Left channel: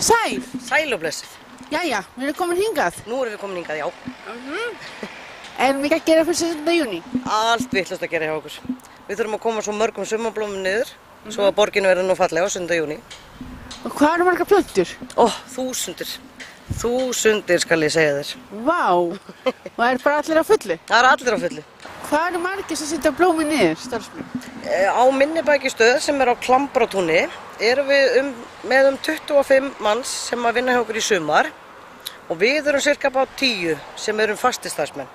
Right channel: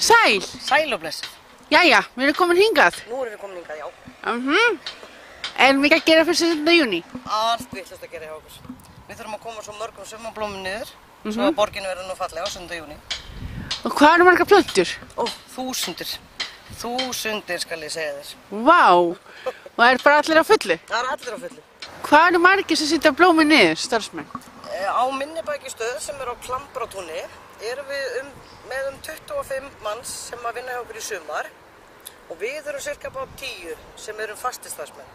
Sæl. Sæl og blessuð. Jæja, við erum komin hingað. Nú erum við komin hingað, já. En við ekki að gera fyrir 17. júní? Allt vitlaust að gera hjá okkur. Við þurfum að koma svo mörgum sumarblómum niður, svo að borginu verður nú fallega á 17. júní. Og hvað eru margar plöntur? Þúsundir. Þúsundir skal ég segja þér. Vá, og það er bara allir á fullu? Það er allir á fullu. Hvað eru margir sem setja blómin niður, starfsmenn? Á Minnibækistöð sem er á Klambratúni erum við með 25 manns sem að vinna hjá okkur í sumar og við erum cirka bá 10 sem erum fastistarfsmenn.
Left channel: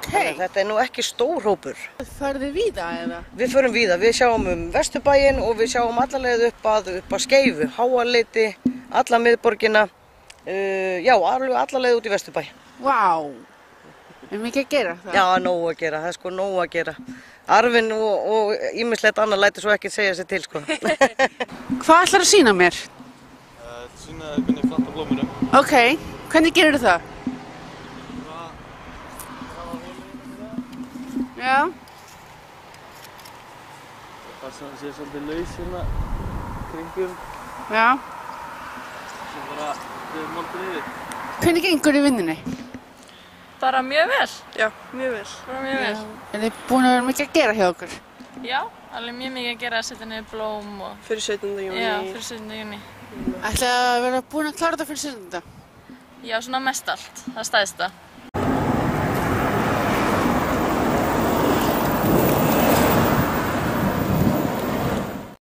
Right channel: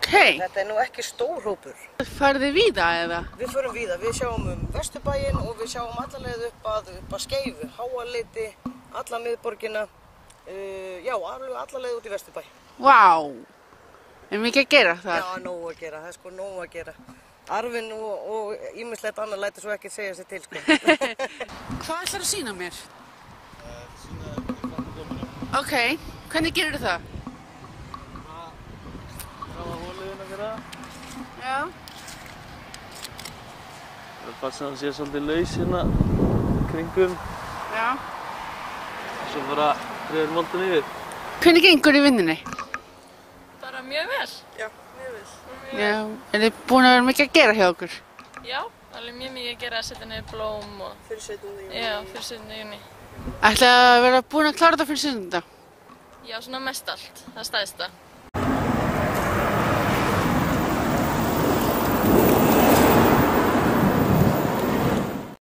Okay. Þetta er nú ekki stór hópur. Farið þið víða eða? Við förum víða. Við sjáum Vesturbæinn og við sjáum alla leið upp að Skeifu, Háaleiti, alla miðborgina, alveg alla leið út í Vesturbæ. Vá, er mikið að gera það? Já, nóg að gera. Það er sko nóg að gera. Arfinn og ýmislegt annað lætur svo ekki segja sér til, sko. Hvað ætlar að sýna mér? Sýna þér hvernig planta blómur. Ok, hvernig gerir það? Já. Það passa að það sé svolítið laus hérna kringum. Já. Svo bara við loftið yfir. Hvernig gengur í vinnunni? Bara mjög vel. Já, mjög vel. Bara mjög vel. Er þið búin að vera mikið að gera hjá okkur? Já, alveg mjög mikið að gera að setja niður blóm og... Fyrir 17. júní. Já, fyrir 17. júní. Ætlaði að vera búin að klára þetta fyrir 17. Já, svona mest allt. Það stæðsta.